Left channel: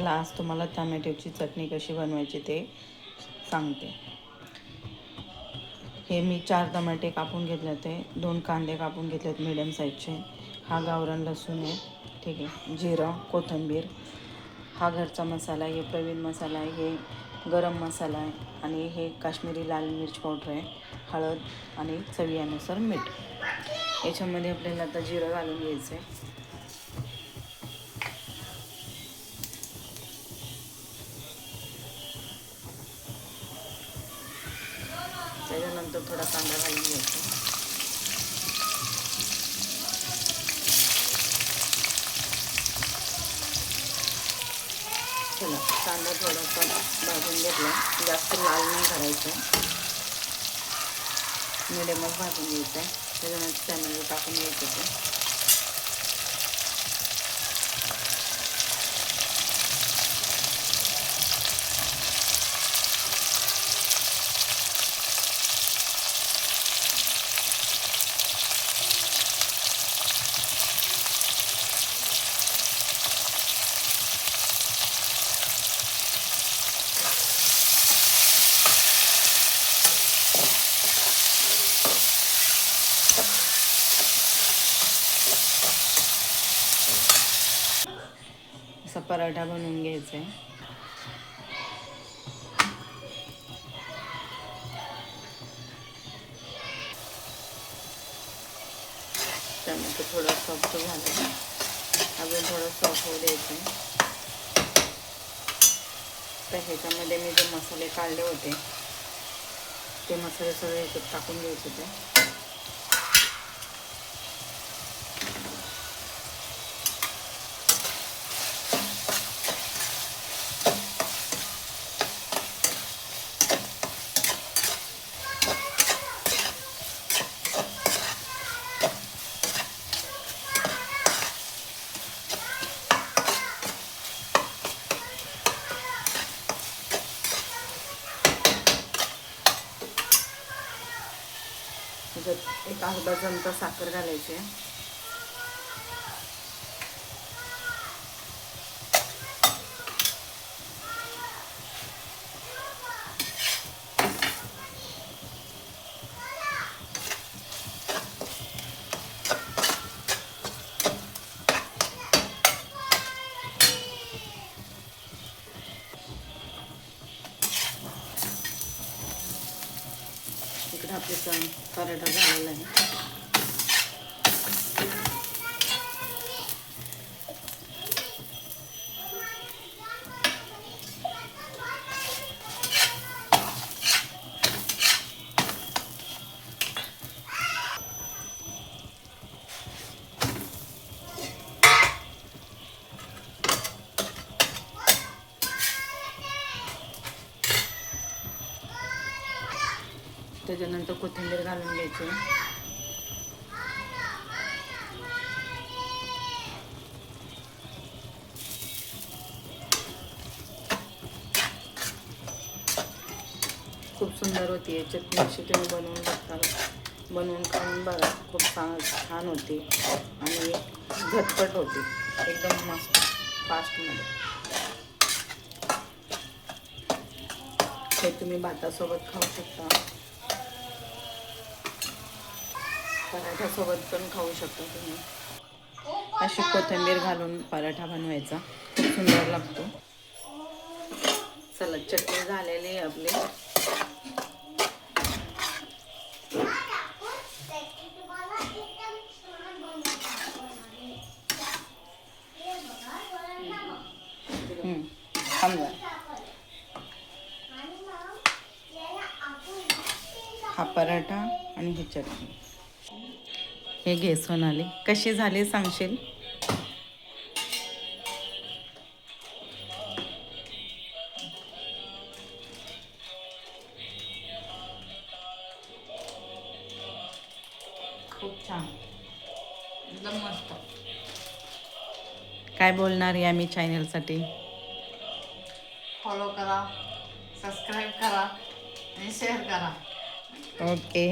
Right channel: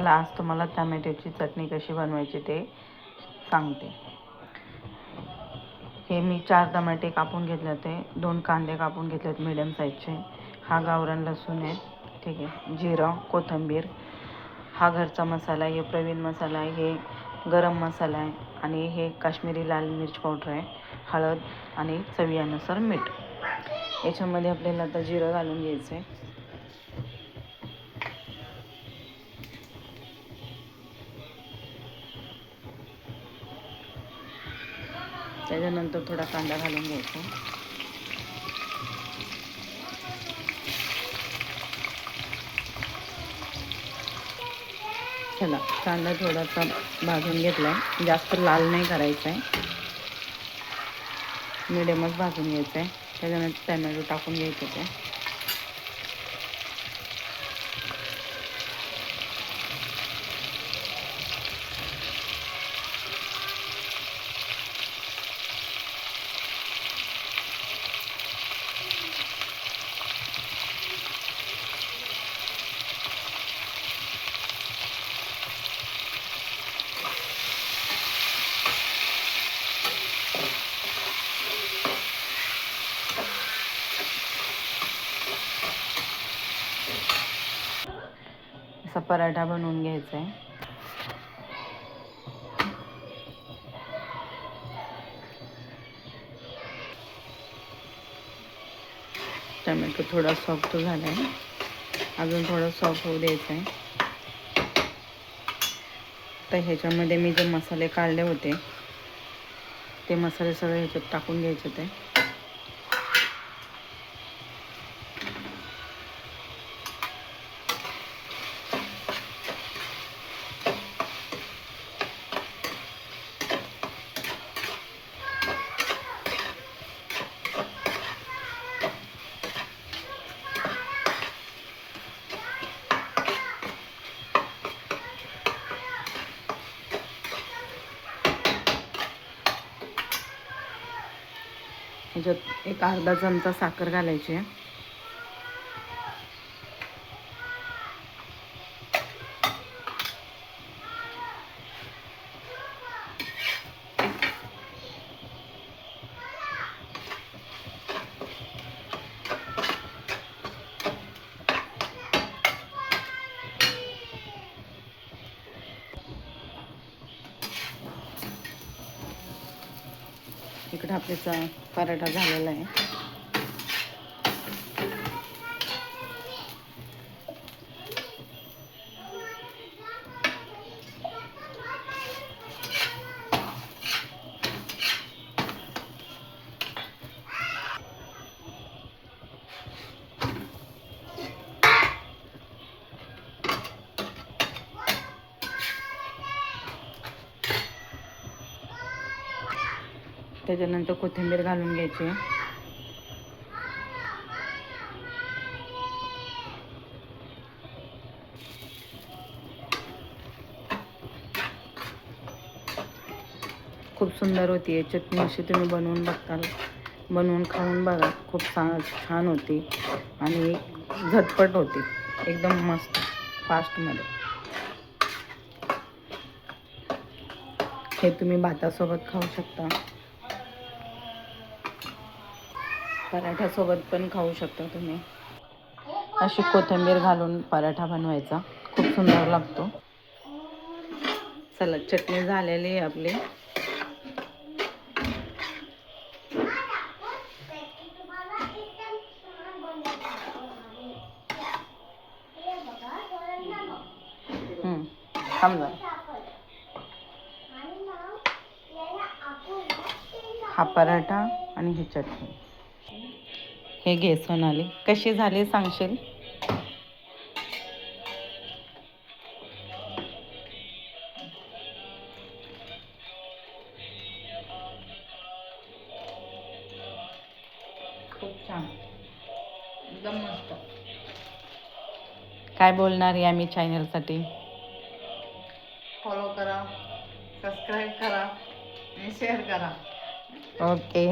मला आज तुम्हाला टमॅटोची चटणी कशी बनवायची ते सांगते. हे मी 4 टमाटे कापून घेतले होते, 2 कांदे कापून घेतलेत मीडियम साईजचे, हा गावरान लसूण आहे, ठीक आहे, जिरं, कोथिंबीर, हा घरचा मसाला आहे, हे प्रवीण मसाला आहे, हे गरम मसाला आहे आणि हे काश्मीरी लाल मिर्च पावडर आहे, हळद आणि चवीनुसार मीठ. याच्यामध्ये आपल्याला आता जिरं घालून घ्यायचं आहे. त्याच्यानंतर थोडा कांदा घालून घ्यायचा. चला, कांदा थोडासा भाजून घेतला आहे, जास्त लाल नाही करायचा आहे, मिडियमच भाजून घ्यायचं आहे. त्याच्यानंतर टमॅटो टाकून घ्यायचं आहे. असा पराठा बनवून घ्यायचा आहे. टमॅटो थोडा सॉफ्ट झाला आहे, अजून थोडं सॉफ्ट होऊ द्यायचं आहे. तर ह्याच्यामध्ये मी जे मसाले काढले होते ते मसाले सगळे ह्याच्यात टाकून घ्यायचे होते. ह्याच्यात एक अर्धा चमचा साखर घालायची आहे. इकडे आपला पराठा झालेला आहे. त्याच्यानंतर कोथिंबीर घालून घ्यायची. खूप सुंदर होती आहे चटणी. अशी तुम्ही बनवून खाऊन बघा. खूप छान होती आणि झटपट होती, एकदम मस्त फास्टमध्ये. हे तुम्ही भातासोबत खाऊ शकता, पराठ्यासोबत पण खाऊ शकता तुम्ही. अशी कोथिंबीर घालून पराठा बनवायचा, खूप सुंदर लागतो. चला, चटणी झालेली आहे आपली. थांब, हा पराठा आणि ही चटणी. हे घे सोनाली, कशी झाली सांगशील? खूप छान, एकदम मस्त. काय बोलणार या मी चॅनलसाठी? फॉलो करा, सबस्क्राईब करा आणि शेअर करा. ओके.